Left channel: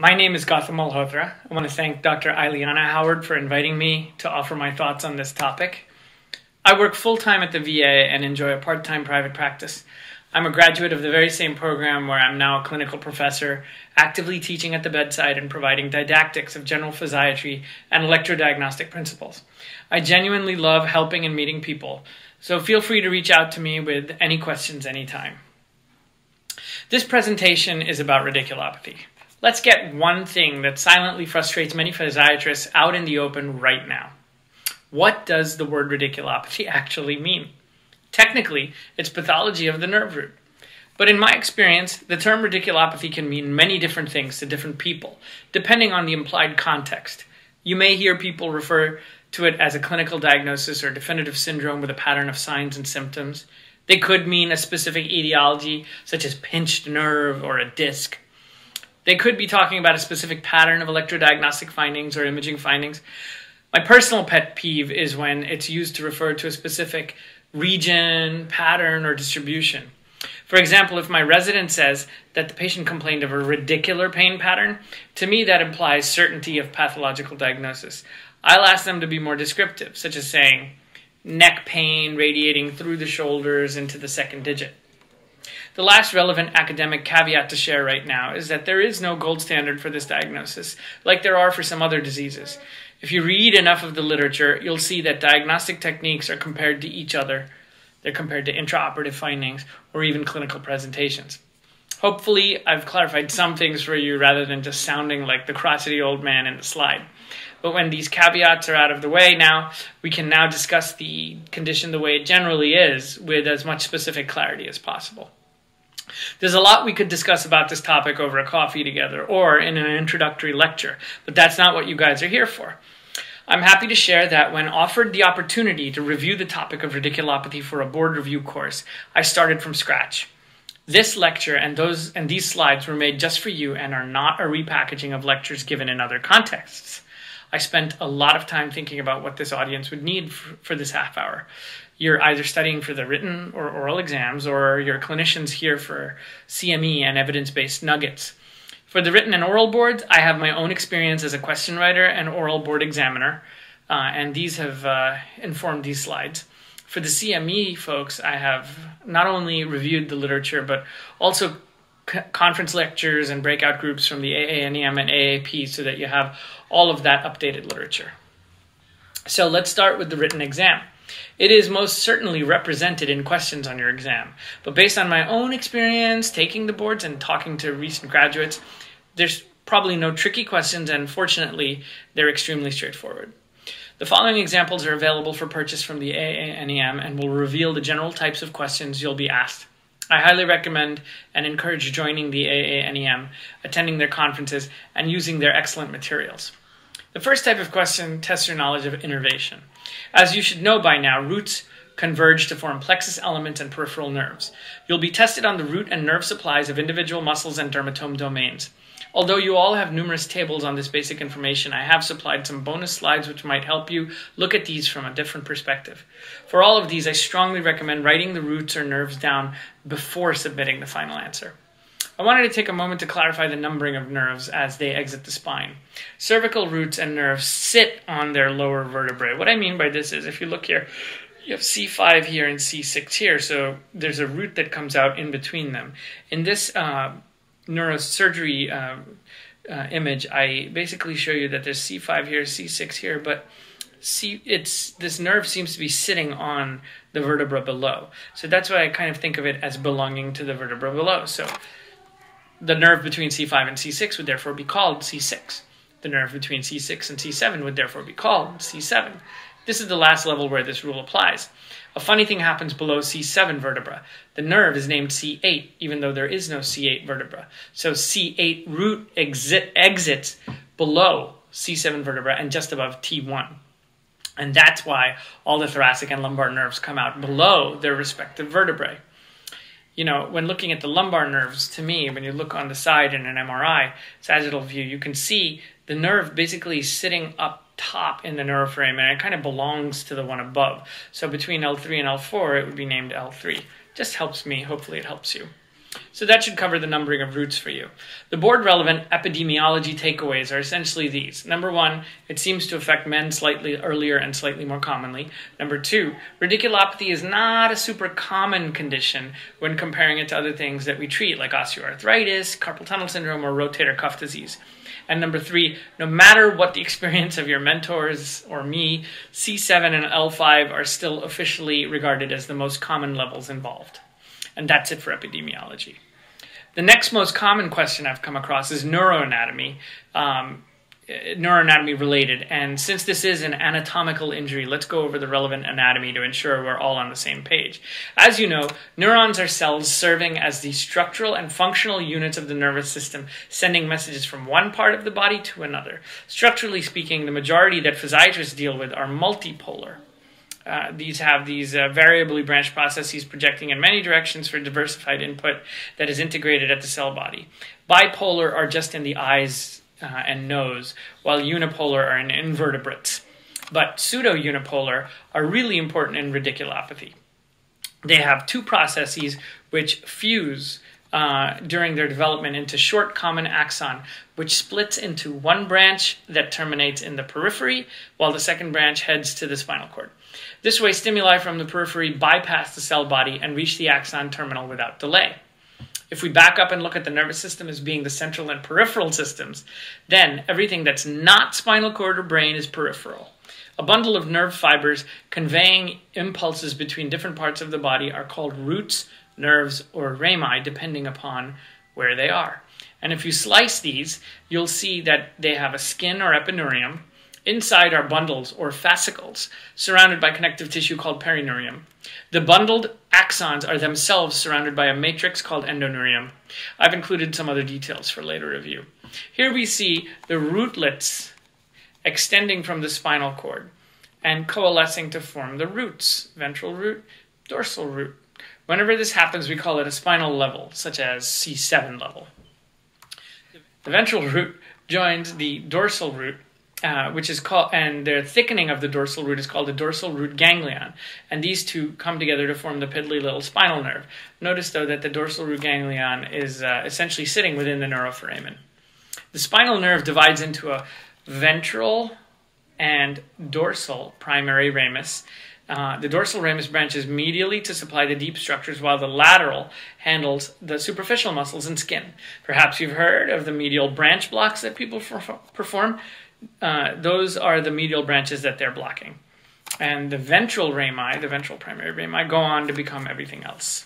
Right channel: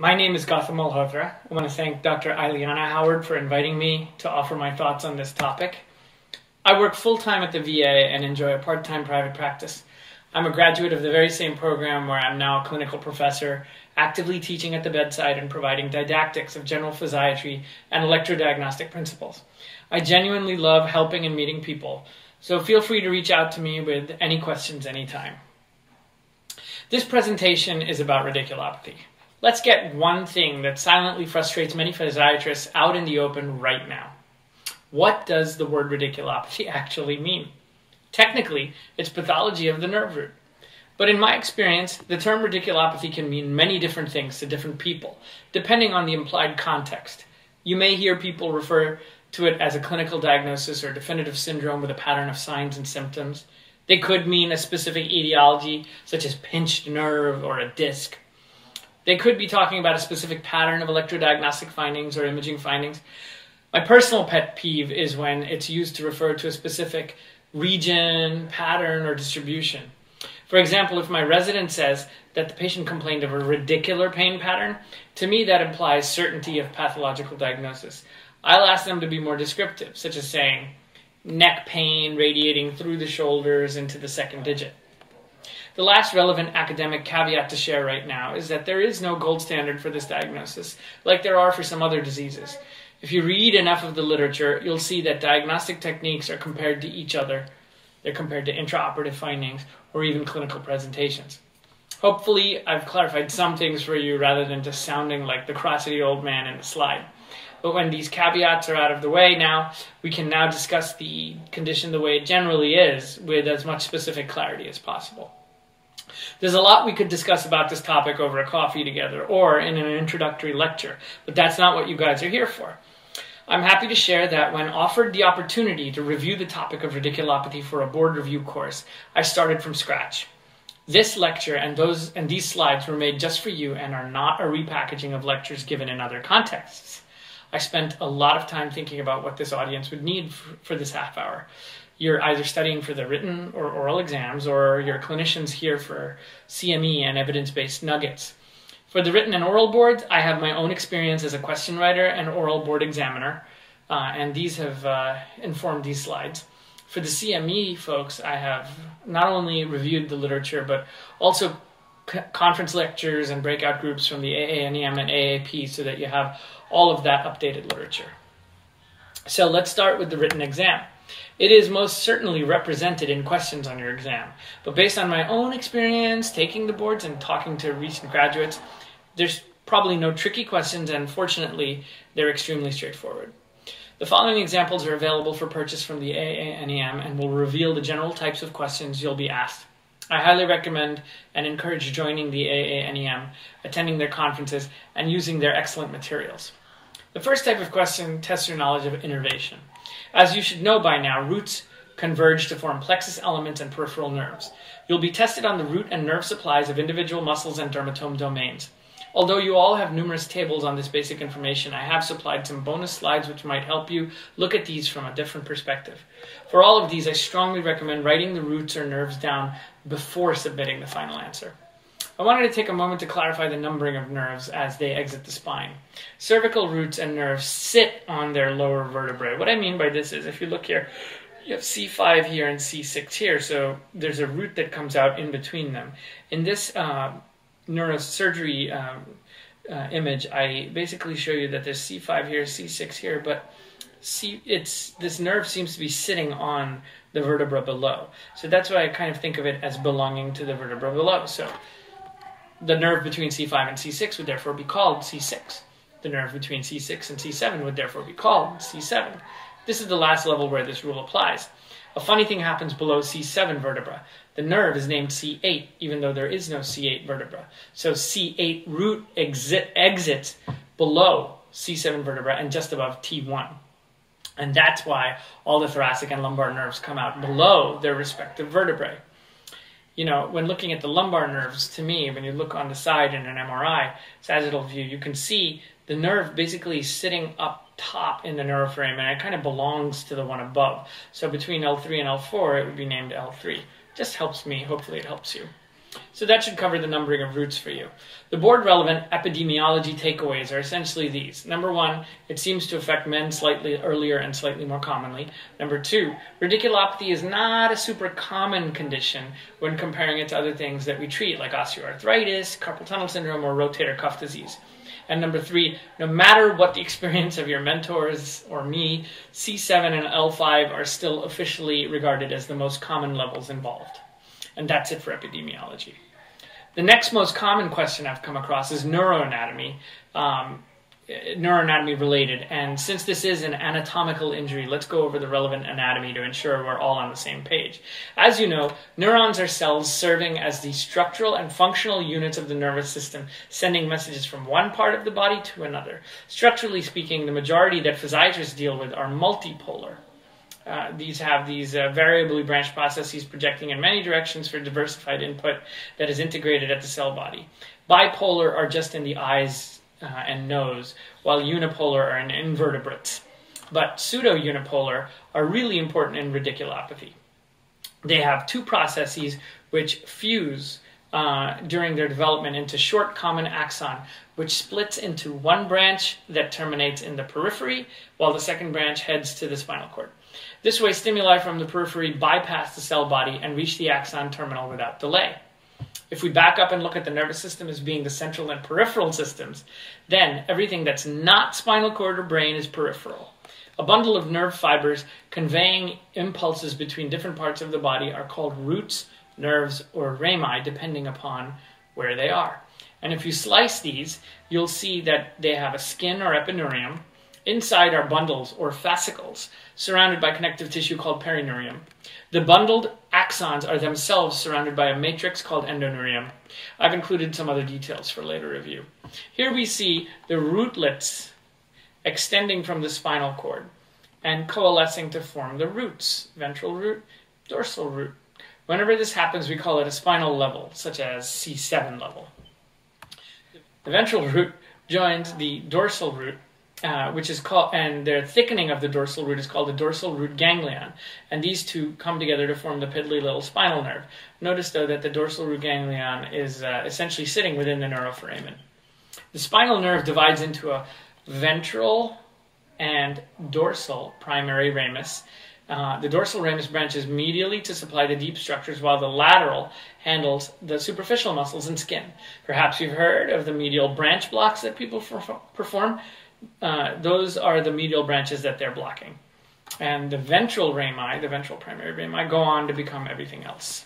My name is Gautam Malhotra. I want to thank Dr. Ileana Howard for inviting me to offer my thoughts on this topic. I work full-time at the VA and enjoy a part-time private practice. I'm a graduate of the very same program where I'm now a clinical professor, actively teaching at the bedside and providing didactics of general physiatry and electrodiagnostic principles. I genuinely love helping and meeting people, so feel free to reach out to me with any questions anytime. This presentation is about radiculopathy. Let's get one thing that silently frustrates many physiatrists out in the open right now. What does the word radiculopathy actually mean? Technically, it's pathology of the nerve root. But in my experience, the term radiculopathy can mean many different things to different people, depending on the implied context. You may hear people refer to it as a clinical diagnosis or definitive syndrome with a pattern of signs and symptoms. They could mean a specific etiology, such as pinched nerve or a disc. They could be talking about a specific pattern of electrodiagnostic findings or imaging findings. My personal pet peeve is when it's used to refer to a specific region, pattern, or distribution. For example, if my resident says that the patient complained of a radicular pain pattern, to me that implies certainty of pathological diagnosis. I'll ask them to be more descriptive, such as saying neck pain radiating through the shoulders into the second digit. The last relevant academic caveat to share right now is that there is no gold standard for this diagnosis, like there are for some other diseases. If you read enough of the literature, you'll see that diagnostic techniques are compared to each other. They're compared to intraoperative findings or even clinical presentations. Hopefully, I've clarified some things for you rather than just sounding like the crotchety old man in the slide. But when these caveats are out of the way now, we can now discuss the condition the way it generally is with as much specific clarity as possible. There's a lot we could discuss about this topic over a coffee together or in an introductory lecture, but that's not what you guys are here for. I'm happy to share that when offered the opportunity to review the topic of radiculopathy for a board review course, I started from scratch. This lecture and these slides were made just for you and are not a repackaging of lectures given in other contexts. I spent a lot of time thinking about what this audience would need for this half hour. You're either studying for the written or oral exams, or your clinicians here for CME and evidence-based nuggets. For the written and oral boards, I have my own experience as a question writer and oral board examiner, and these have informed these slides. For the CME folks, I have not only reviewed the literature, but also conference lectures and breakout groups from the AANEM and AAP so that you have all of that updated literature. So let's start with the written exam. It is most certainly represented in questions on your exam, but based on my own experience taking the boards and talking to recent graduates, there's probably no tricky questions, and fortunately, they're extremely straightforward. The following examples are available for purchase from the AANEM and will reveal the general types of questions you'll be asked. I highly recommend and encourage joining the AANEM, attending their conferences, and using their excellent materials. The first type of question tests your knowledge of innervation. As you should know by now, roots converge to form plexus elements and peripheral nerves. You'll be tested on the root and nerve supplies of individual muscles and dermatome domains. Although you all have numerous tables on this basic information, I have supplied some bonus slides which might help you look at these from a different perspective. For all of these, I strongly recommend writing the roots or nerves down before submitting the final answer. I wanted to take a moment to clarify the numbering of nerves as they exit the spine. Cervical roots and nerves sit on their lower vertebrae. What I mean by this is, if you look here, you have C5 here and C6 here, so there's a root that comes out in between them. In this neurosurgery image, I basically show you that there's C5 here, C6 here, but this nerve seems to be sitting on the vertebra below. So that's why I kind of think of it as belonging to the vertebra below. So the nerve between C5 and C6 would therefore be called C6. The nerve between C6 and C7 would therefore be called C7. This is the last level where this rule applies. A funny thing happens below C7 vertebra. The nerve is named C8, even though there is no C8 vertebra. So C8 root exits below C7 vertebra and just above T1. And that's why all the thoracic and lumbar nerves come out below their respective vertebrae. You know, when looking at the lumbar nerves, to me, when you look on the side in an MRI, sagittal view, you can see the nerve basically sitting up top in the nerve frame, and it kind of belongs to the one above. So between L3 and L4, it would be named L3. Just helps me. Hopefully it helps you. So that should cover the numbering of roots for you. The board-relevant epidemiology takeaways are essentially these. Number one, it seems to affect men slightly earlier and slightly more commonly. Number two, radiculopathy is not a super common condition when comparing it to other things that we treat, like osteoarthritis, carpal tunnel syndrome, or rotator cuff disease. And number three, no matter what the experience of your mentors or me, C7 and L5 are still officially regarded as the most common levels involved. And that's it for epidemiology. The next most common question I've come across is neuroanatomy, neuroanatomy related. And since this is an anatomical injury, let's go over the relevant anatomy to ensure we're all on the same page. As you know, neurons are cells serving as the structural and functional units of the nervous system, sending messages from one part of the body to another. Structurally speaking, the majority that physiatrists deal with are multipolar. These have variably branched processes projecting in many directions for diversified input that is integrated at the cell body. Bipolar are just in the eyes and nose, while unipolar are in invertebrates. But pseudo-unipolar are really important in radiculopathy. They have two processes which fuse during their development into short common axon, which splits into one branch that terminates in the periphery, while the second branch heads to the spinal cord. This way, stimuli from the periphery bypass the cell body and reach the axon terminal without delay. If we back up and look at the nervous system as being the central and peripheral systems, then everything that's not spinal cord or brain is peripheral. A bundle of nerve fibers conveying impulses between different parts of the body are called roots, nerves, or rami, depending upon where they are. And if you slice these, you'll see that they have a skin or epineurium. Inside are bundles or fascicles, surrounded by connective tissue called perineurium. The bundled axons are themselves surrounded by a matrix called endoneurium. I've included some other details for later review. Here we see the rootlets extending from the spinal cord and coalescing to form the roots, ventral root, dorsal root. Whenever this happens, we call it a spinal level, such as C7 level. The ventral root joins the dorsal root, which is called, and the thickening of the dorsal root is called the dorsal root ganglion, and these two come together to form the piddly little spinal nerve. Notice, though, that the dorsal root ganglion is essentially sitting within the neuroforamen. The spinal nerve divides into a ventral and dorsal primary ramus. The dorsal ramus branches medially to supply the deep structures, while the lateral handles the superficial muscles and skin. Perhaps you've heard of the medial branch blocks that people perform. Those are the medial branches that they're blocking. And the ventral rami, the ventral primary rami, go on to become everything else.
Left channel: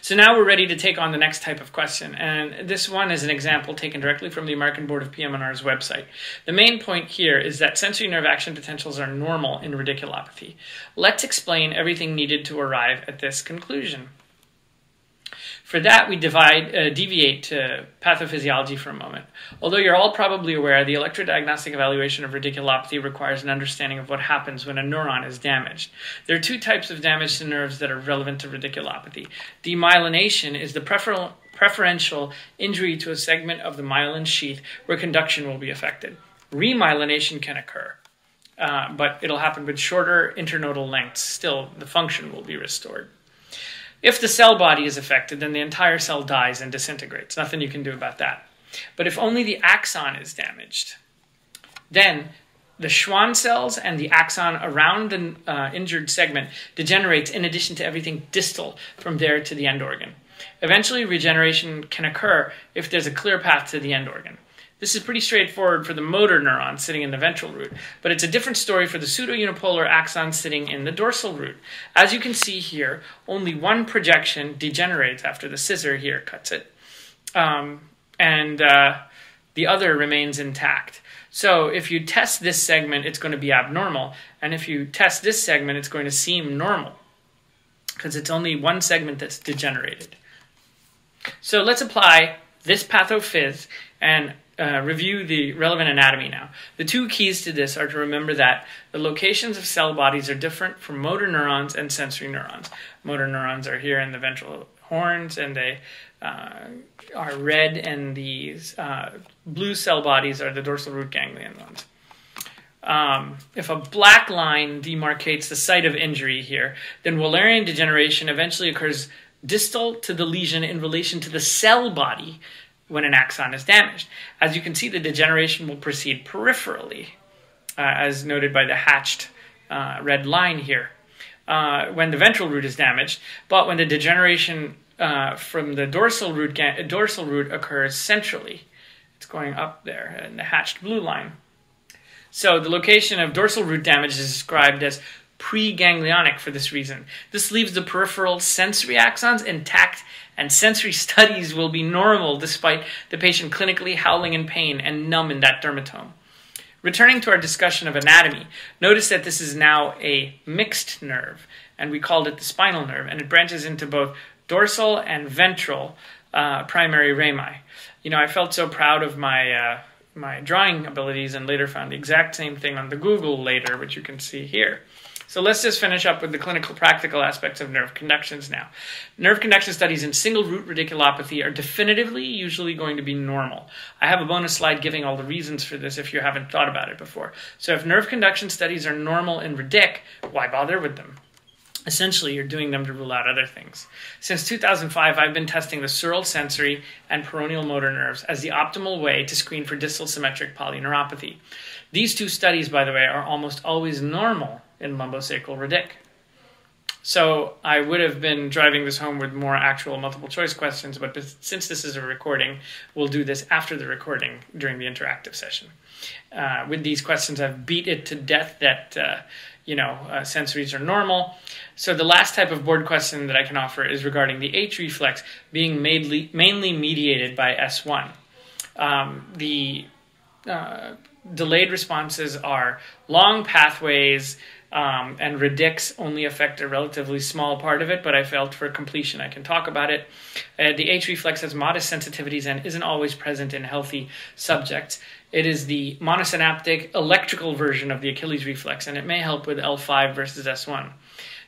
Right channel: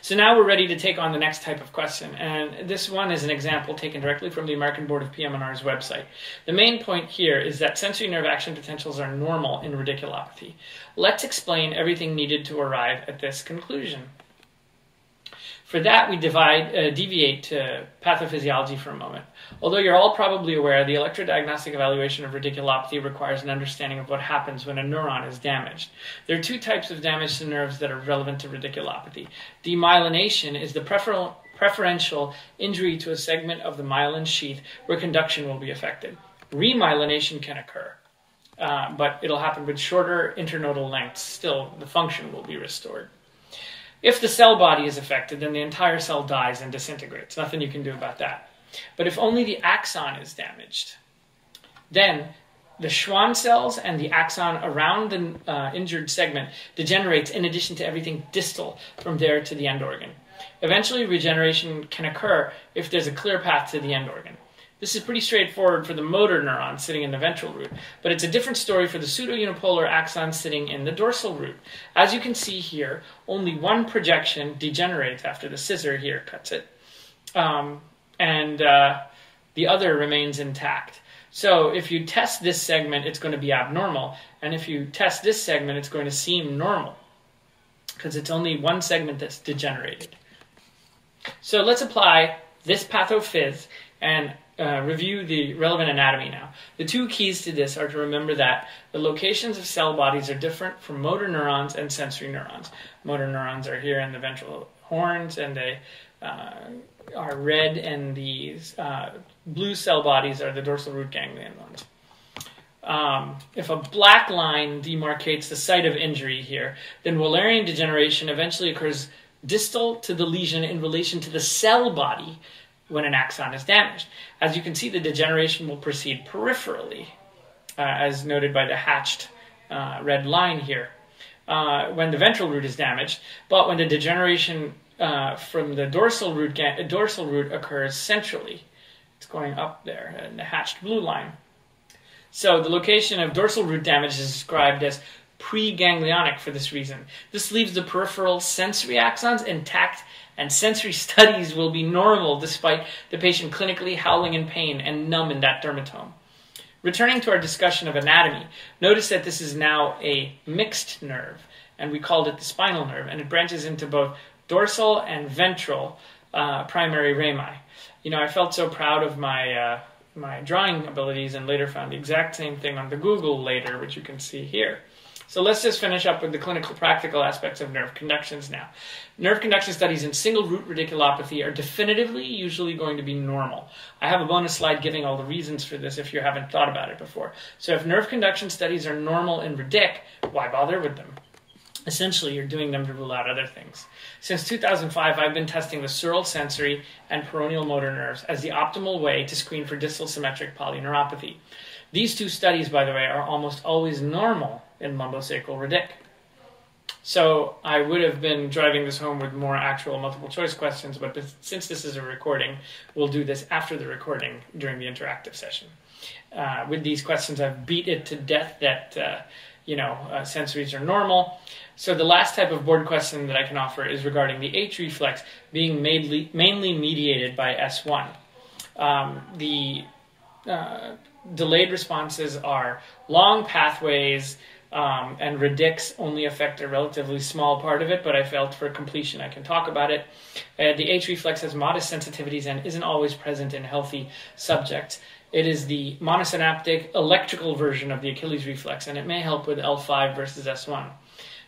So now we're ready to take on the next type of question. And this one is an example taken directly from the American Board of PM&R's website. The main point here is that sensory nerve action potentials are normal in radiculopathy. Let's explain everything needed to arrive at this conclusion. For that, we deviate to pathophysiology for a moment. Although you're all probably aware, the electrodiagnostic evaluation of radiculopathy requires an understanding of what happens when a neuron is damaged. There are two types of damage to nerves that are relevant to radiculopathy. Demyelination is the preferential injury to a segment of the myelin sheath where conduction will be affected. Remyelination can occur, but it'll happen with shorter internodal lengths. Still, the function will be restored. If the cell body is affected, then the entire cell dies and disintegrates. Nothing you can do about that. But if only the axon is damaged, then the Schwann cells and the axon around the injured segment degenerates in addition to everything distal from there to the end organ. Eventually, regeneration can occur if there's a clear path to the end organ. This is pretty straightforward for the motor neuron sitting in the ventral root, but it's a different story for the pseudo-unipolar axon sitting in the dorsal root. As you can see here, only one projection degenerates after the scissor here cuts it, and the other remains intact. So if you test this segment, it's going to be abnormal, and if you test this segment, it's going to seem normal, because it's only one segment that's degenerated. So let's apply this pathophys and review the relevant anatomy now. The two keys to this are to remember that the locations of cell bodies are different from motor neurons and sensory neurons. Motor neurons are here in the ventral horns, and they are red, and these blue cell bodies are the dorsal root ganglion ones. If a black line demarcates the site of injury here, then Wallerian degeneration eventually occurs distal to the lesion in relation to the cell body when an axon is damaged. As you can see, the degeneration will proceed peripherally, as noted by the hatched red line here, when the ventral root is damaged, but when the degeneration from the dorsal root occurs centrally. It's going up there in the hatched blue line. So the location of dorsal root damage is described as preganglionic for this reason. This leaves the peripheral sensory axons intact, and sensory studies will be normal despite the patient clinically howling in pain and numb in that dermatome. Returning to our discussion of anatomy, notice that this is now a mixed nerve, and we called it the spinal nerve, and it branches into both dorsal and ventral primary rami. You know, I felt so proud of my my drawing abilities and later found the exact same thing on the Google later, which you can see here. So let's just finish up with the clinical practical aspects of nerve conductions now. Nerve conduction studies in single root radiculopathy are definitively usually going to be normal. I have a bonus slide giving all the reasons for this if you haven't thought about it before. So if nerve conduction studies are normal in radic, why bother with them? Essentially, you're doing them to rule out other things. Since 2005, I've been testing the sural sensory and peroneal motor nerves as the optimal way to screen for distal symmetric polyneuropathy. These two studies, by the way, are almost always normal in lumbosacral radic. So I would have been driving this home with more actual multiple choice questions, but since this is a recording, we'll do this after the recording during the interactive session. With these questions, I've beat it to death that sensories are normal. So the last type of board question that I can offer is regarding the H reflex being mainly mediated by S1. The delayed responses are long pathways, and radics only affect a relatively small part of it, but I felt for completion I can talk about it. The H reflex has modest sensitivities and isn't always present in healthy subjects. It is the monosynaptic electrical version of the Achilles reflex, and it may help with L5 versus S1.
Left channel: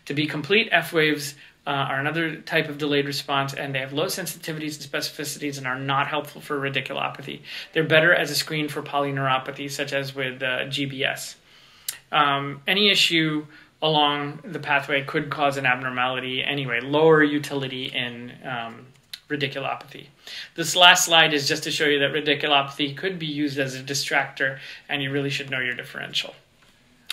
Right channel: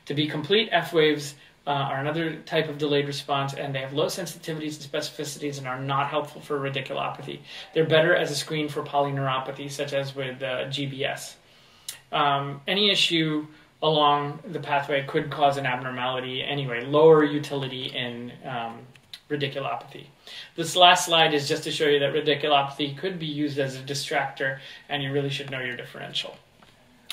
To be complete, F waves are another type of delayed response, and they have low sensitivities and specificities and are not helpful for radiculopathy. They're better as a screen for polyneuropathy, such as with GBS. Any issue along the pathway could cause an abnormality anyway, lower utility in radiculopathy. This last slide is just to show you that radiculopathy could be used as a distractor, and you really should know your differential.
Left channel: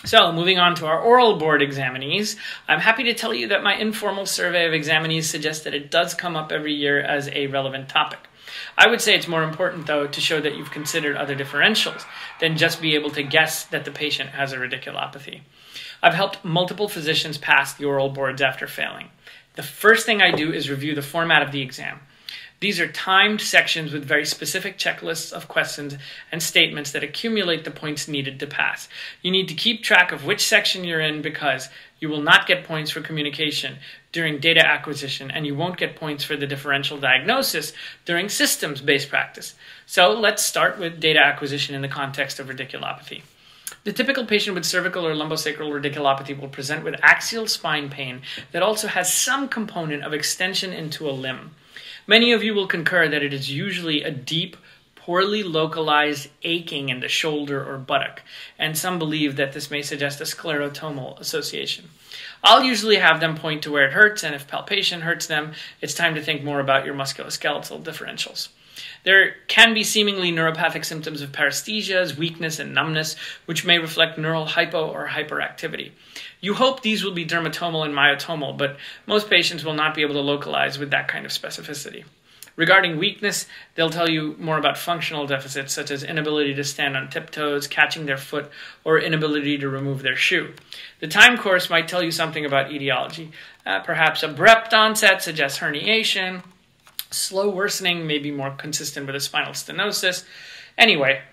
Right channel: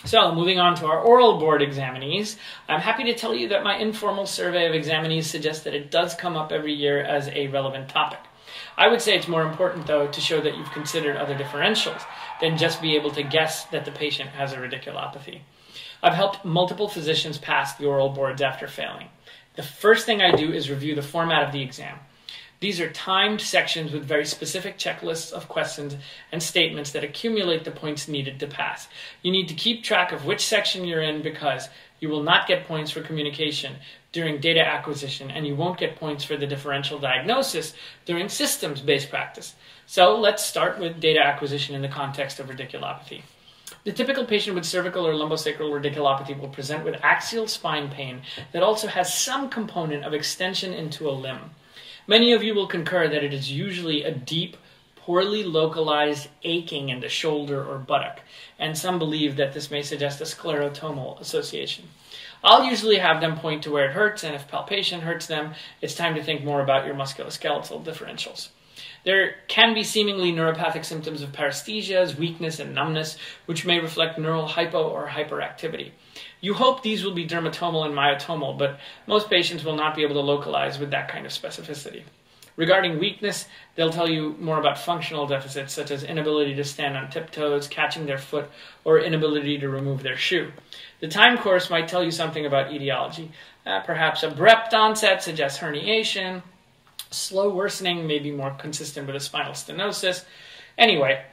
So, moving on to our oral board examinees, I'm happy to tell you that my informal survey of examinees suggests that it does come up every year as a relevant topic. I would say it's more important, though, to show that you've considered other differentials than just be able to guess that the patient has a radiculopathy. I've helped multiple physicians pass the oral boards after failing. The first thing I do is review the format of the exam. These are timed sections with very specific checklists of questions and statements that accumulate the points needed to pass. You need to keep track of which section you're in because you will not get points for communication during data acquisition, and you won't get points for the differential diagnosis during systems-based practice. So let's start with data acquisition in the context of radiculopathy. The typical patient with cervical or lumbosacral radiculopathy will present with axial spine pain that also has some component of extension into a limb. Many of you will concur that it is usually a deep, poorly localized aching in the shoulder or buttock, and some believe that this may suggest a sclerotomal association. I'll usually have them point to where it hurts, and if palpation hurts them, it's time to think more about your musculoskeletal differentials. There can be seemingly neuropathic symptoms of paresthesias, weakness, and numbness, which may reflect neural hypo or hyperactivity. You hope these will be dermatomal and myotomal, but most patients will not be able to localize with that kind of specificity. Regarding weakness, they'll tell you more about functional deficits, such as inability to stand on tiptoes, catching their foot, or inability to remove their shoe. The time course might tell you something about etiology. Perhaps abrupt onset suggests herniation. Slow worsening may be more consistent with a spinal stenosis. Anyway,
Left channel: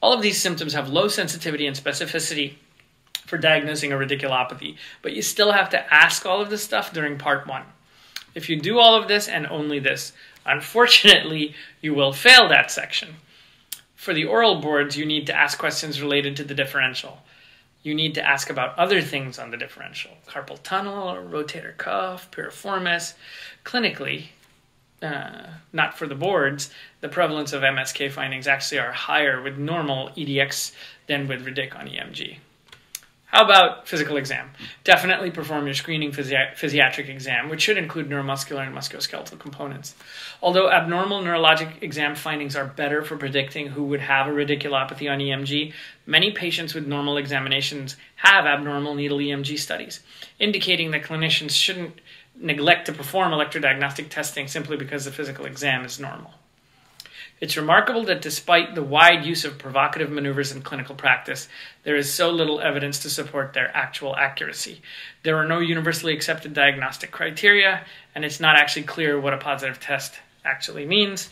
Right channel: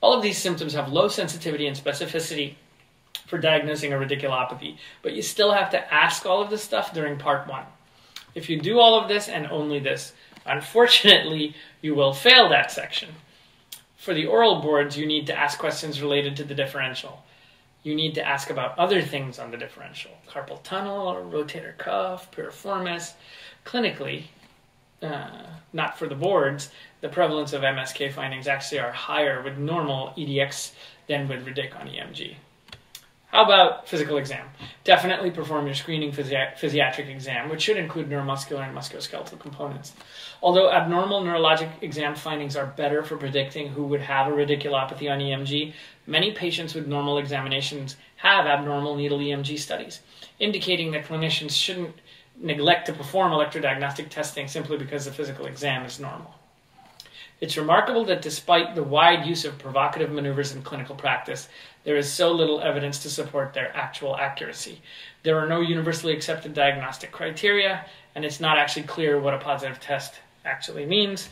all of these symptoms have low sensitivity and specificity for diagnosing a radiculopathy, but you still have to ask all of this stuff during part 1. If you do all of this and only this, unfortunately, you will fail that section. For the oral boards, you need to ask questions related to the differential. You need to ask about other things on the differential. Carpal tunnel, rotator cuff, piriformis. Clinically, not for the boards, the prevalence of MSK findings actually are higher with normal EDX than with radic on EMG. How about physical exam? Definitely perform your screening physiatric exam, which should include neuromuscular and musculoskeletal components. Although abnormal neurologic exam findings are better for predicting who would have a radiculopathy on EMG, many patients with normal examinations have abnormal needle EMG studies, indicating that clinicians shouldn't neglect to perform electrodiagnostic testing simply because the physical exam is normal. It's remarkable that despite the wide use of provocative maneuvers in clinical practice, there is so little evidence to support their actual accuracy. There are no universally accepted diagnostic criteria, and it's not actually clear what a positive test actually means,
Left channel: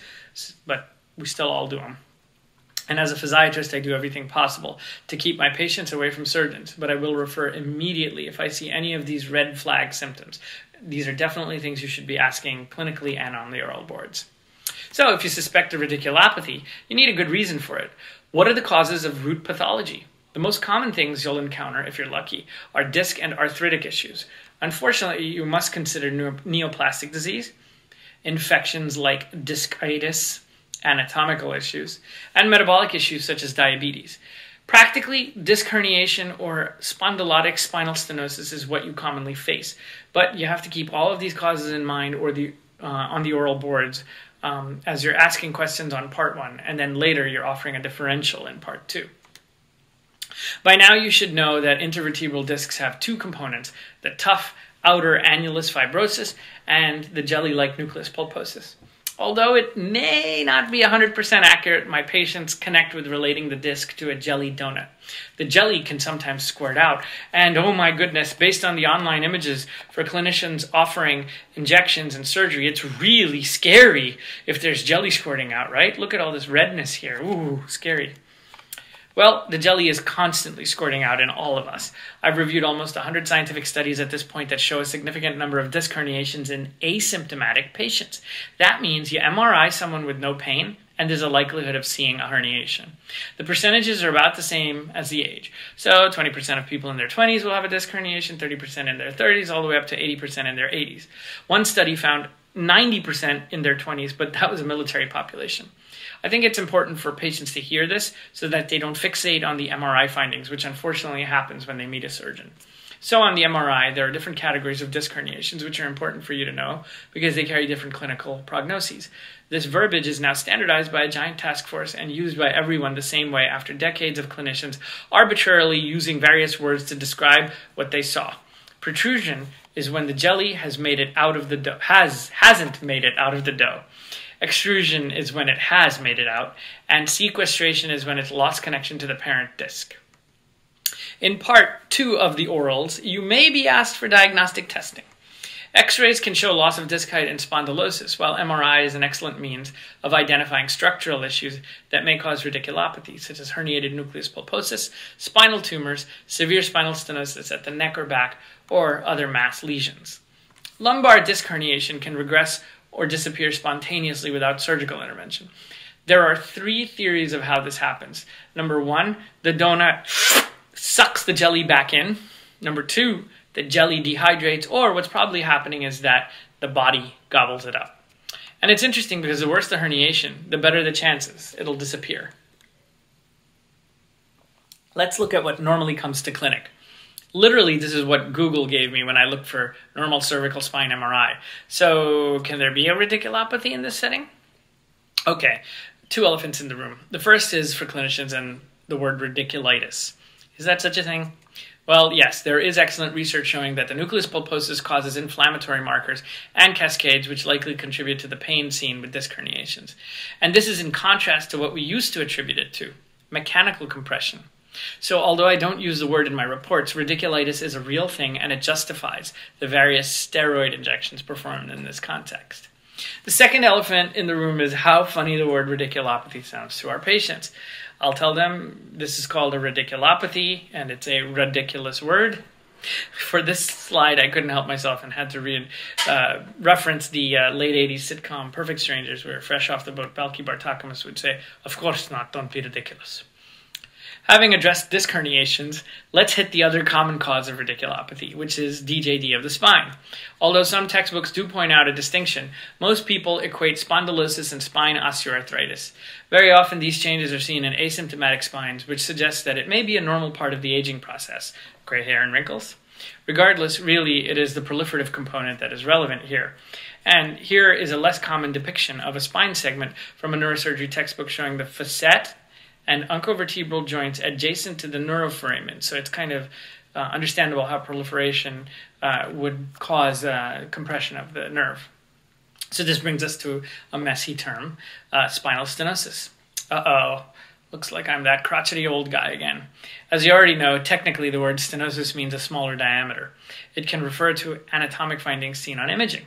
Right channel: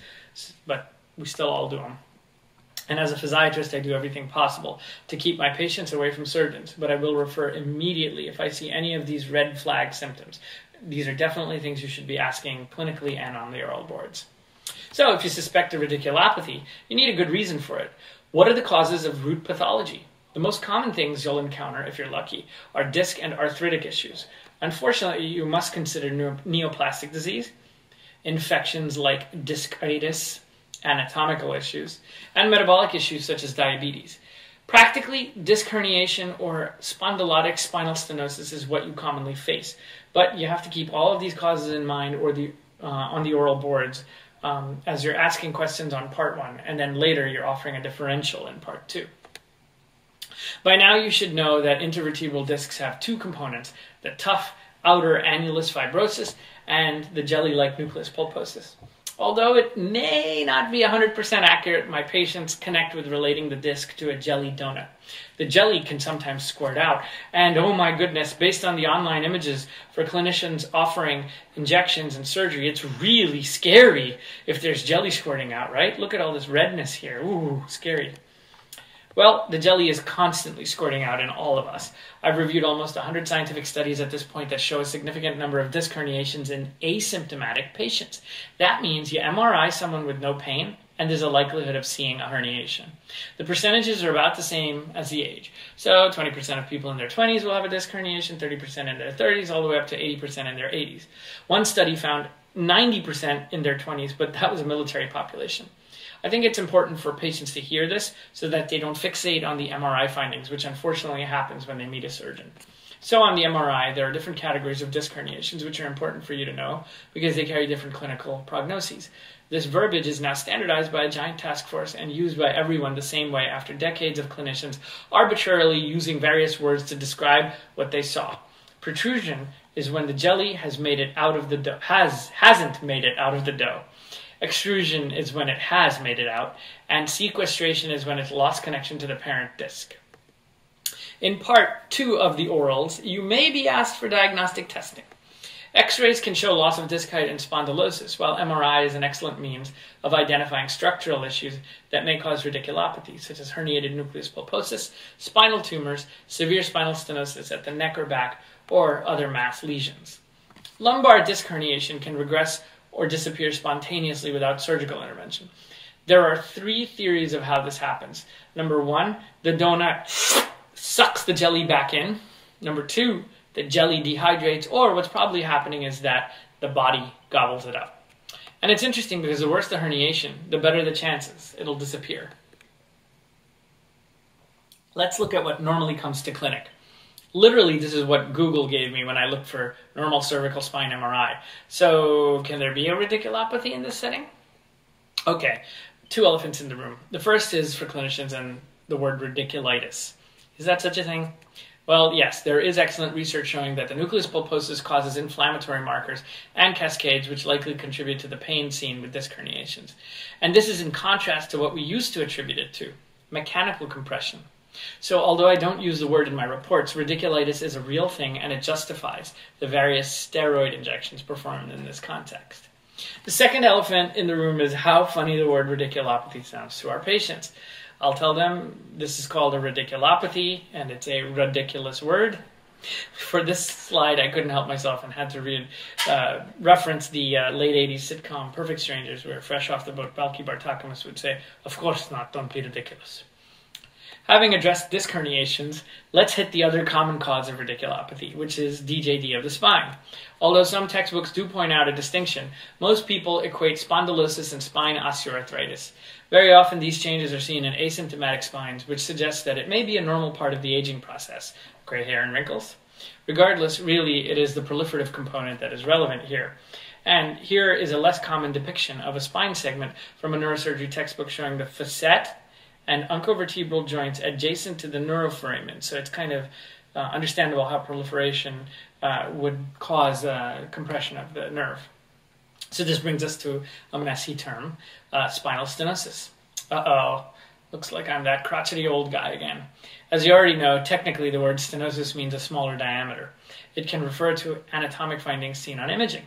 but we still all do them. And as a physiatrist, I do everything possible to keep my patients away from surgeons, but I will refer immediately if I see any of these red flag symptoms. These are definitely things you should be asking clinically and on the oral boards. So if you suspect a radiculopathy, you need a good reason for it. What are the causes of root pathology? The most common things you'll encounter, if you're lucky, are disc and arthritic issues. Unfortunately, you must consider neoplastic disease, infections like discitis, anatomical issues, and metabolic issues such as diabetes. Practically, disc herniation or spondylotic spinal stenosis is what you commonly face, but you have to keep all of these causes in mind on the oral boards as you're asking questions on part 1, and then later you're offering a differential in part 2. By now you should know that intervertebral discs have 2 components, the tough outer annulus fibrosus and the jelly-like nucleus pulposus. Although it may not be 100% accurate, my patients connect with relating the disc to a jelly donut. The jelly can sometimes squirt out, and oh my goodness, based on the online images for clinicians offering injections and surgery, it's really scary if there's jelly squirting out, right? Look at all this redness here. Ooh, scary. Well, the jelly is constantly squirting out in all of us. I've reviewed almost 100 scientific studies at this point that show a significant number of disc herniations in asymptomatic patients. That means you MRI someone with no pain, and there's a likelihood of seeing a herniation. The percentages are about the same as the age. So 20% of people in their 20s will have a disc herniation, 30% in their 30s, all the way up to 80% in their 80s. One study found 90% in their 20s, but that was a military population. I think it's important for patients to hear this so that they don't fixate on the MRI findings, which unfortunately happens when they meet a surgeon. So on the MRI, there are different categories of disc herniations, which are important for you to know because they carry different clinical prognoses. This verbiage is now standardized by a giant task force and used by everyone the same way after decades of clinicians arbitrarily using various words to describe what they saw. Protrusion is when the jelly has made it out of the dough, hasn't made it out of the dough. Extrusion is when it has made it out, and sequestration is when it's lost connection to the parent disc. In part 2 of the orals, you may be asked for diagnostic testing. X-rays can show loss of disc height and spondylosis, while MRI is an excellent means of identifying structural issues that may cause radiculopathy, such as herniated nucleus pulposus, spinal tumors, severe spinal stenosis at the neck or back, or other mass lesions. Lumbar disc herniation can regress or disappear spontaneously without surgical intervention. There are 3 theories of how this happens. Number 1, the donut sucks the jelly back in. Number 2, the jelly dehydrates, or what's probably happening is that the body gobbles it up. And it's interesting because the worse the herniation, the better the chances it'll disappear. Let's look at what normally comes to clinic. Literally, this is what Google gave me when I looked for normal cervical spine MRI. So, can there be a radiculopathy in this setting? Okay, 2 elephants in the room. The first is for clinicians and the word radiculitis. Is that such a thing? Well, yes, there is excellent research showing that the nucleus pulposus causes inflammatory markers and cascades which likely contribute to the pain seen with disc herniations. And this is in contrast to what we used to attribute it to, mechanical compression. So although I don't use the word in my reports, radiculitis is a real thing and it justifies the various steroid injections performed in this context. The second elephant in the room is how funny the word radiculopathy sounds to our patients. I'll tell them this is called a radiculopathy and it's a ridiculous word. For this slide, I couldn't help myself and had to reference the late 80s sitcom Perfect Strangers, where fresh off the boat, Balki Bartokomous would say, "Of course not, don't be ridiculous." Having addressed disc herniations, let's hit the other common cause of radiculopathy, which is DJD of the spine. Although some textbooks do point out a distinction, most people equate spondylosis and spine osteoarthritis. Very often these changes are seen in asymptomatic spines, which suggests that it may be a normal part of the aging process, gray hair and wrinkles. Regardless, really, it is the proliferative component that is relevant here. And here is a less common depiction of a spine segment from a neurosurgery textbook showing the facet and uncovertebral joints adjacent to the neuroforamen. So it's kind of understandable how proliferation would cause compression of the nerve. So this brings us to a messy term, spinal stenosis. Uh-oh, looks like I'm that crotchety old guy again. As you already know, technically the word stenosis means a smaller diameter. It can refer to anatomic findings seen on imaging.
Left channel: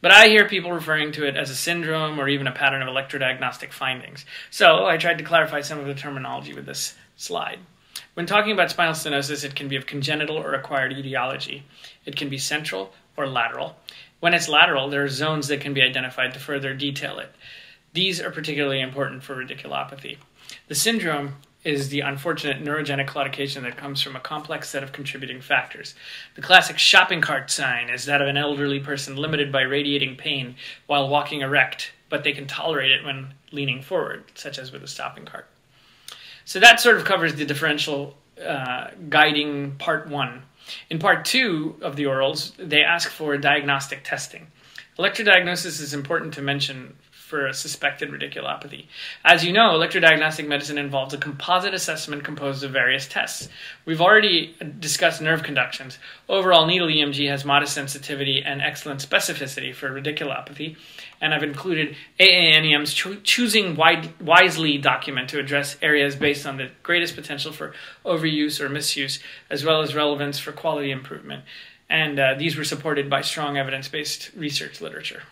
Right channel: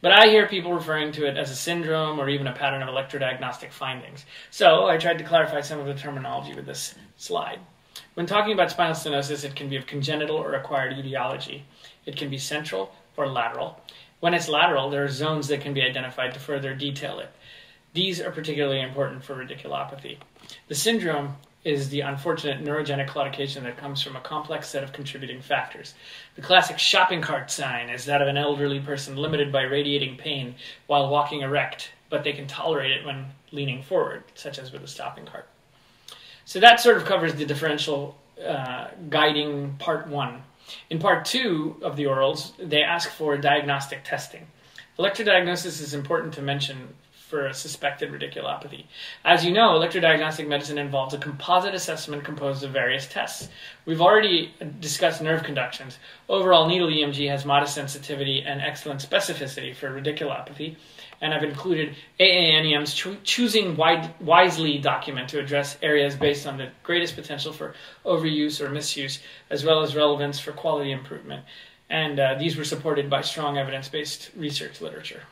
But I hear people referring to it as a syndrome or even a pattern of electrodiagnostic findings. So I tried to clarify some of the terminology with this slide. When talking about spinal stenosis, it can be of congenital or acquired etiology. It can be central or lateral. When it's lateral, there are zones that can be identified to further detail it. These are particularly important for radiculopathy. The syndrome is the unfortunate neurogenic claudication that comes from a complex set of contributing factors. The classic shopping cart sign is that of an elderly person limited by radiating pain while walking erect, but they can tolerate it when leaning forward, such as with a shopping cart. So that sort of covers the differential guiding part 1. In part 2 of the orals, they ask for diagnostic testing. Electrodiagnosis is important to mention for a suspected radiculopathy. As you know, electrodiagnostic medicine involves a composite assessment composed of various tests. We've already discussed nerve conductions. Overall, needle EMG has modest sensitivity and excellent specificity for radiculopathy, and I've included AANEM's Choosing Wisely document to address areas based on the greatest potential for overuse or misuse, as well as relevance for quality improvement. And these were supported by strong evidence-based research literature.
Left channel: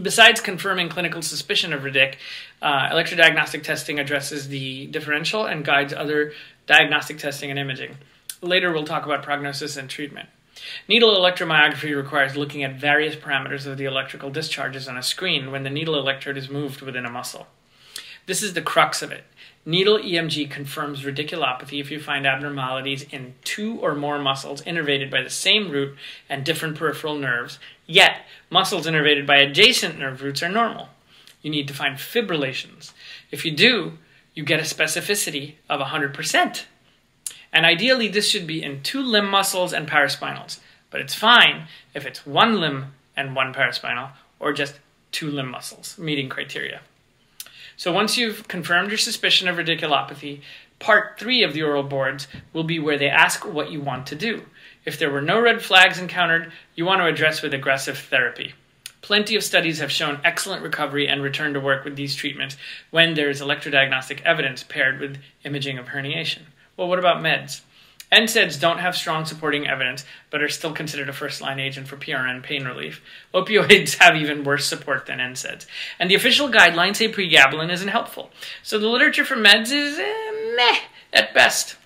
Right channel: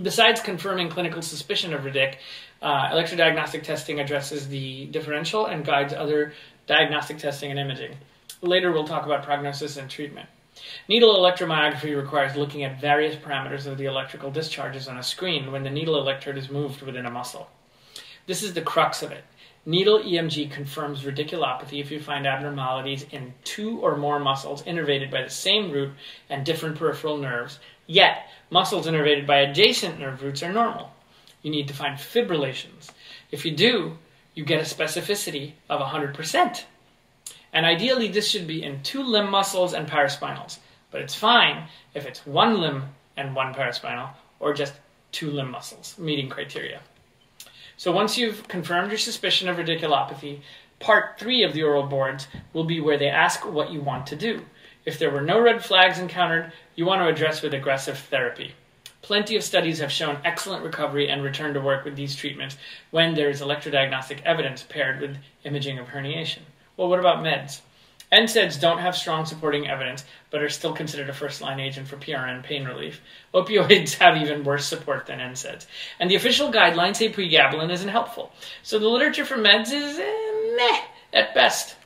Besides confirming clinical suspicion of radic, electrodiagnostic testing addresses the differential and guides other diagnostic testing and imaging. Later, we'll talk about prognosis and treatment. Needle electromyography requires looking at various parameters of the electrical discharges on a screen when the needle electrode is moved within a muscle. This is the crux of it. Needle EMG confirms radiculopathy if you find abnormalities in 2 or more muscles innervated by the same root and different peripheral nerves, yet muscles innervated by adjacent nerve roots are normal. You need to find fibrillations. If you do, you get a specificity of 100%. And ideally, this should be in 2 limb muscles and paraspinals. But it's fine if it's 1 limb and 1 paraspinal, or just 2 limb muscles, meeting criteria. So once you've confirmed your suspicion of radiculopathy, part 3 of the oral boards will be where they ask what you want to do. If there were no red flags encountered, you want to address with aggressive therapy. Plenty of studies have shown excellent recovery and return to work with these treatments when there is electrodiagnostic evidence paired with imaging of herniation. Well, what about meds? NSAIDs don't have strong supporting evidence, but are still considered a first-line agent for PRN pain relief. Opioids have even worse support than NSAIDs. And the official guidelines say pregabalin isn't helpful. So the literature for meds is meh at best.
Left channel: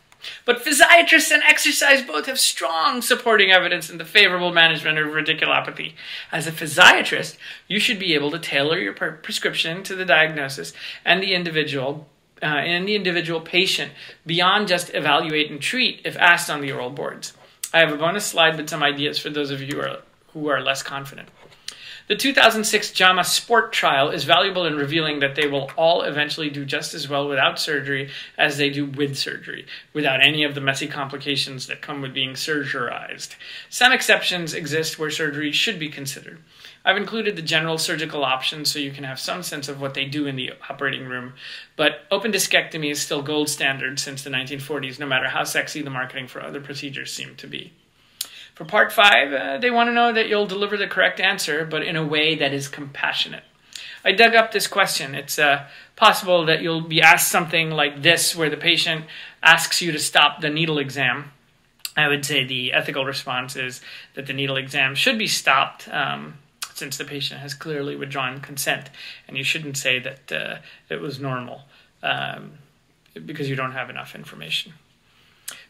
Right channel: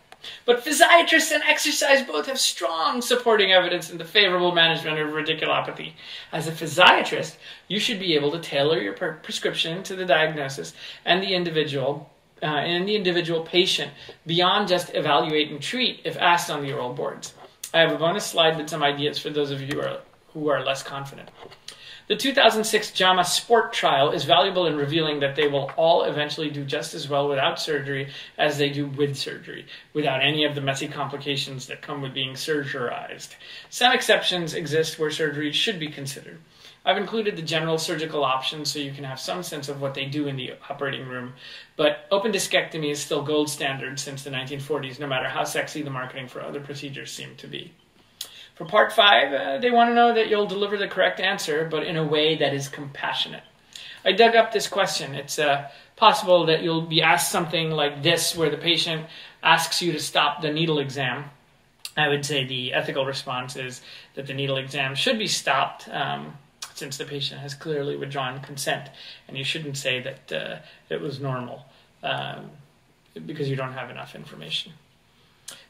But physiatrists and exercise both have strong supporting evidence in the favorable management of radiculopathy. As a physiatrist, you should be able to tailor your prescription to the diagnosis and the individual patient beyond just evaluate and treat if asked on the oral boards. I have a bonus slide with some ideas for those of you who are less confident. The 2006 JAMA Sport trial is valuable in revealing that they will all eventually do just as well without surgery as they do with surgery, without any of the messy complications that come with being surgerized. Some exceptions exist where surgery should be considered. I've included the general surgical options so you can have some sense of what they do in the operating room, but open discectomy is still gold standard since the 1940s, no matter how sexy the marketing for other procedures seem to be. For part 5, they want to know that you'll deliver the correct answer, but in a way that is compassionate. I dug up this question. It's possible that you'll be asked something like this, where the patient asks you to stop the needle exam. I would say the ethical response is that the needle exam should be stopped since the patient has clearly withdrawn consent, and you shouldn't say that it was normal because you don't have enough information.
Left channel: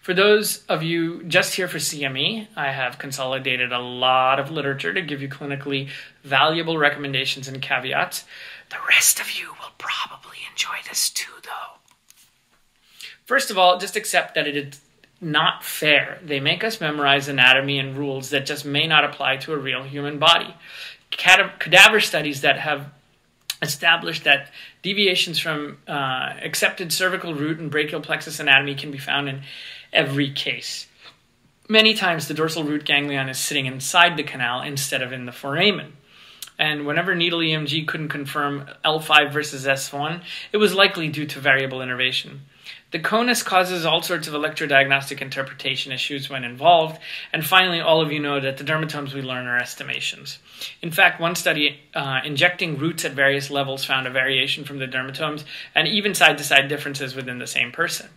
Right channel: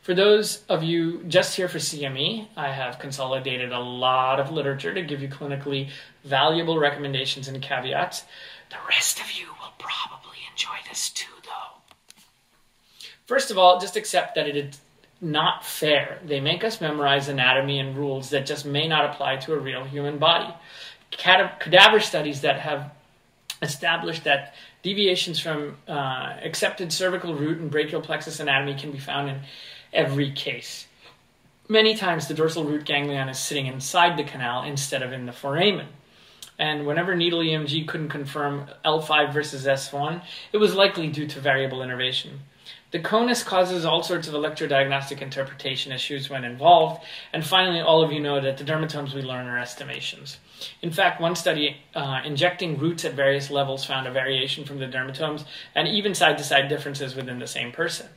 For those of you just here for CME, I have consolidated a lot of literature to give you clinically valuable recommendations and caveats. The rest of you will probably enjoy this too, though. First of all, just accept that it is not fair. They make us memorize anatomy and rules that just may not apply to a real human body. Cadaver studies that have established that deviations from accepted cervical root and brachial plexus anatomy can be found in every case. Many times the dorsal root ganglion is sitting inside the canal instead of in the foramen. And whenever needle EMG couldn't confirm L5 versus S1, it was likely due to variable innervation. The conus causes all sorts of electrodiagnostic interpretation issues when involved, and finally, all of you know that the dermatomes we learn are estimations. In fact, one study injecting roots at various levels found a variation from the dermatomes and even side-to-side differences within the same person.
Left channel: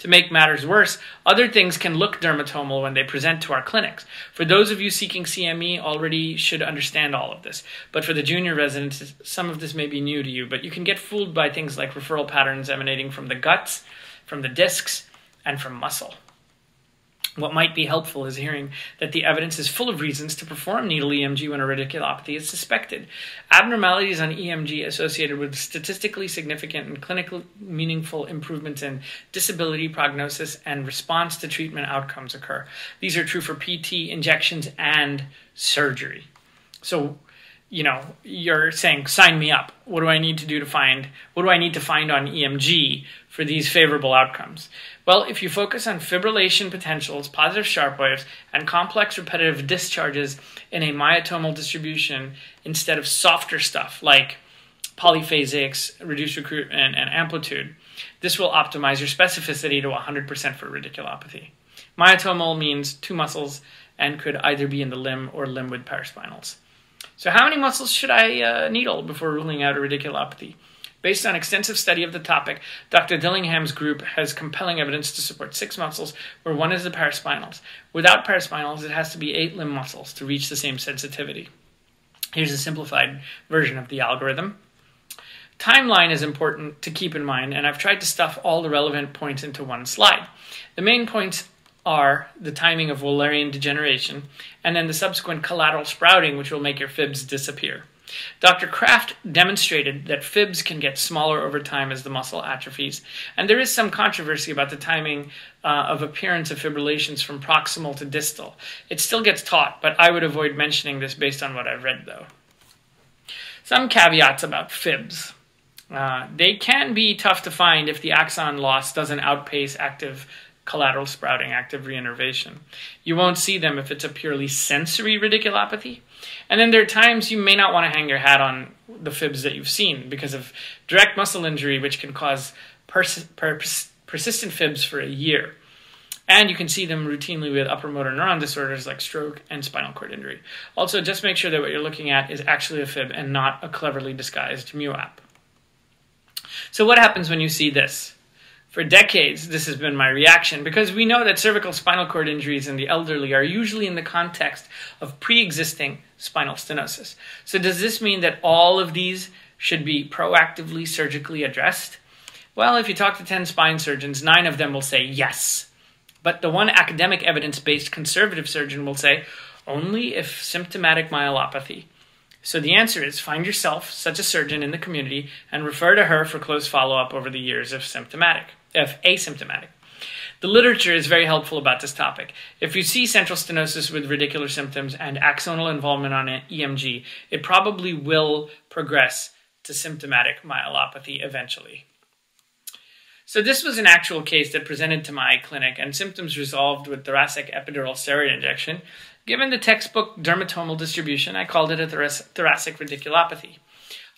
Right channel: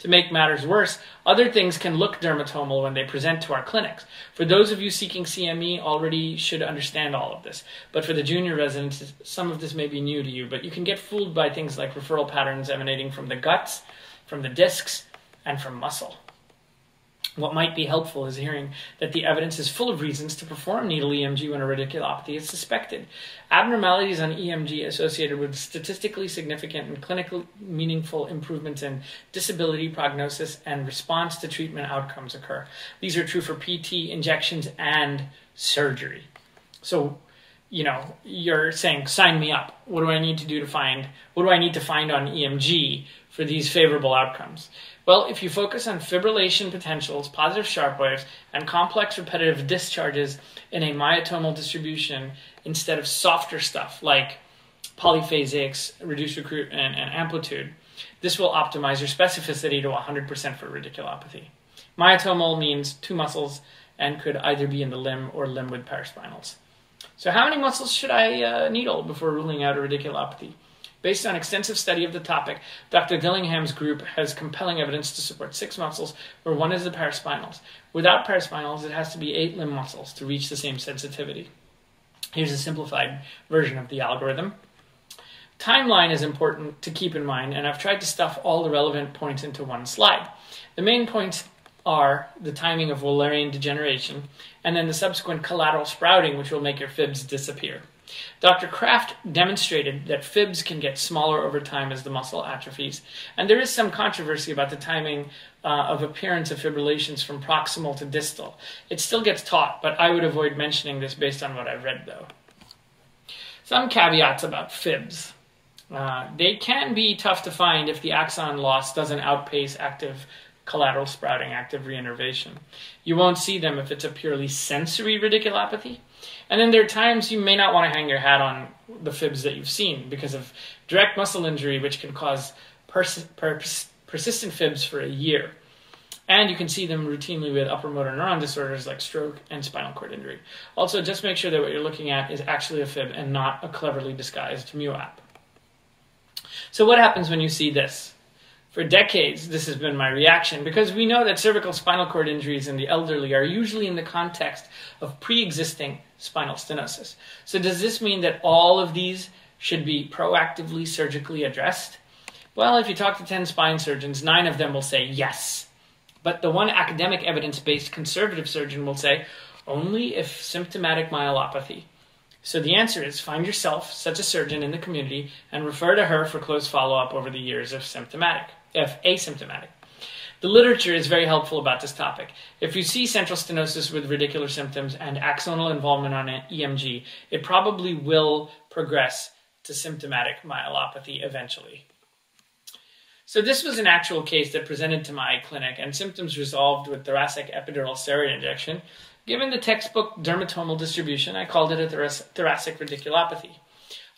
To make matters worse, other things can look dermatomal when they present to our clinics. For those of you seeking CME, already should understand all of this. But for the junior residents, some of this may be new to you, but you can get fooled by things like referral patterns emanating from the guts, from the discs, and from muscle. What might be helpful is hearing that the evidence is full of reasons to perform needle EMG when a radiculopathy is suspected. Abnormalities on EMG associated with statistically significant and clinically meaningful improvements in disability, prognosis, and response to treatment outcomes occur. These are true for PT, injections, and surgery. So, you're saying, sign me up. What do I need to find on EMG for these favorable outcomes? Well, if you focus on fibrillation potentials, positive sharp waves, and complex repetitive discharges in a myotomal distribution instead of softer stuff like polyphasics, reduced recruitment, and amplitude, this will optimize your specificity to 100% for radiculopathy. Myotomal means two muscles and could either be in the limb or limb with paraspinals. So how many muscles should I needle before ruling out a radiculopathy? Based on extensive study of the topic, Dr. Dillingham's group has compelling evidence to support 6 muscles, where 1 is the paraspinals. Without paraspinals, it has to be 8 limb muscles to reach the same sensitivity. Here's a simplified version of the algorithm. Timeline is important to keep in mind, and I've tried to stuff all the relevant points into one slide. The main points are the timing of Wallerian degeneration, and then the subsequent collateral sprouting, which will make your fibs disappear. Dr. Kraft demonstrated that fibs can get smaller over time as the muscle atrophies, and there is some controversy about the timing of appearance of fibrillations from proximal to distal. It still gets taught, but I would avoid mentioning this based on what I've read, though. Some caveats about fibs. They can be tough to find if the axon loss doesn't outpace active collateral sprouting, active reinnervation. You won't see them if it's a purely sensory radiculopathy. And then there are times you may not want to hang your hat on the fibs that you've seen because of direct muscle injury, which can cause persistent fibs for a year. And you can see them routinely with upper motor neuron disorders like stroke and spinal cord injury. Also, just make sure that what you're looking at is actually a fib and not a cleverly disguised MUAP. So what happens when you see this? For decades, this has been my reaction because we know that cervical spinal cord injuries in the elderly are usually in the context of pre-existing spinal stenosis. So does this mean that all of these should be proactively surgically addressed? Well, if you talk to 10 spine surgeons, 9 of them will say yes. But the one academic evidence-based conservative surgeon will say only if symptomatic myelopathy. So the answer is find yourself such a surgeon in the community and refer to her for close follow-up over the years if asymptomatic. The literature is very helpful about this topic. If you see central stenosis with radicular symptoms and axonal involvement on EMG, it probably will progress to symptomatic myelopathy eventually. So this was an actual case that presented to my clinic and symptoms resolved with thoracic epidural steroid injection. Given the textbook dermatomal distribution, I called it a thoracic radiculopathy.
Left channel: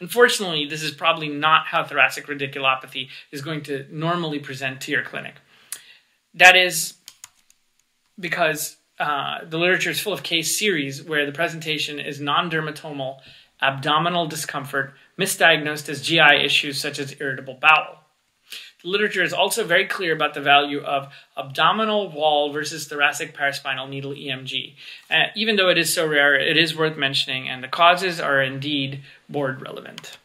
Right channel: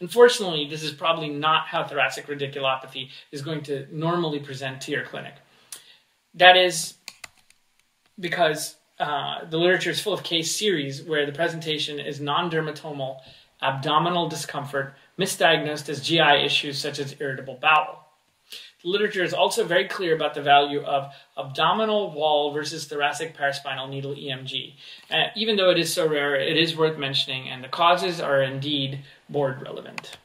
Unfortunately, this is probably not how thoracic radiculopathy is going to normally present to your clinic. That is because the literature is full of case series where the presentation is non-dermatomal abdominal discomfort misdiagnosed as GI issues such as irritable bowel. The literature is also very clear about the value of abdominal wall versus thoracic paraspinal needle EMG. Even though it is so rare, it is worth mentioning, and the causes are indeed board relevant.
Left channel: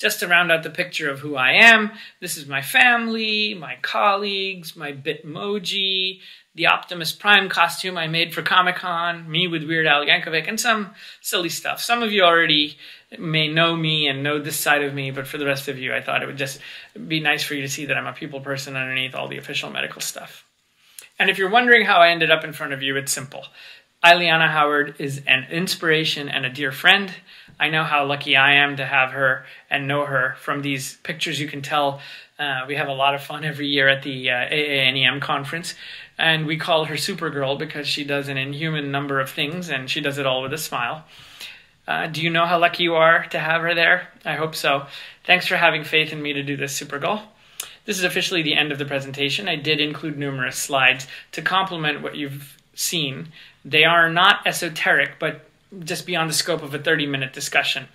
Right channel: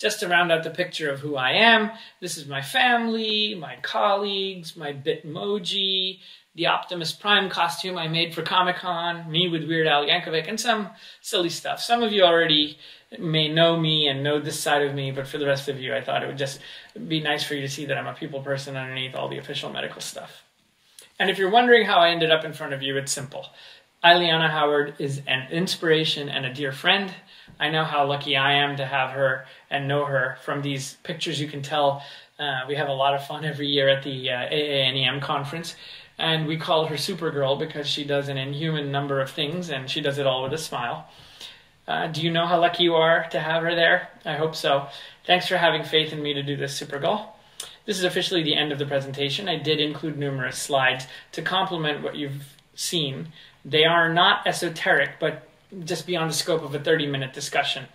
Just to round out the picture of who I am, this is my family, my colleagues, my Bitmoji, the Optimus Prime costume I made for Comic-Con, me with Weird Al Yankovic, and some silly stuff. Some of you already may know me and know this side of me, but for the rest of you, I thought it would just be nice for you to see that I'm a people person underneath all the official medical stuff. And if you're wondering how I ended up in front of you, it's simple. Ileana Howard is an inspiration and a dear friend. I know how lucky I am to have her and know her. From these pictures, you can tell we have a lot of fun every year at the AANEM conference, and we call her Supergirl because she does an inhuman number of things, and she does it all with a smile. Do you know how lucky you are to have her there? I hope so. Thanks for having faith in me to do this, Supergirl. This is officially the end of the presentation. I did include numerous slides to complement what you've seen. They are not esoteric, but just beyond the scope of a 30-minute discussion.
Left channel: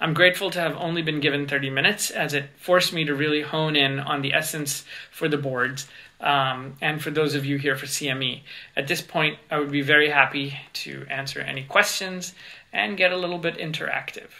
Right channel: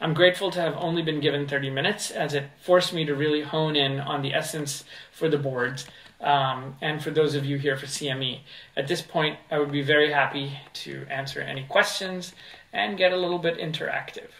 I'm grateful to have only been given 30 minutes, as it forced me to really hone in on the essence for the boards and for those of you here for CME. At this point, I would be very happy to answer any questions and get a little bit interactive.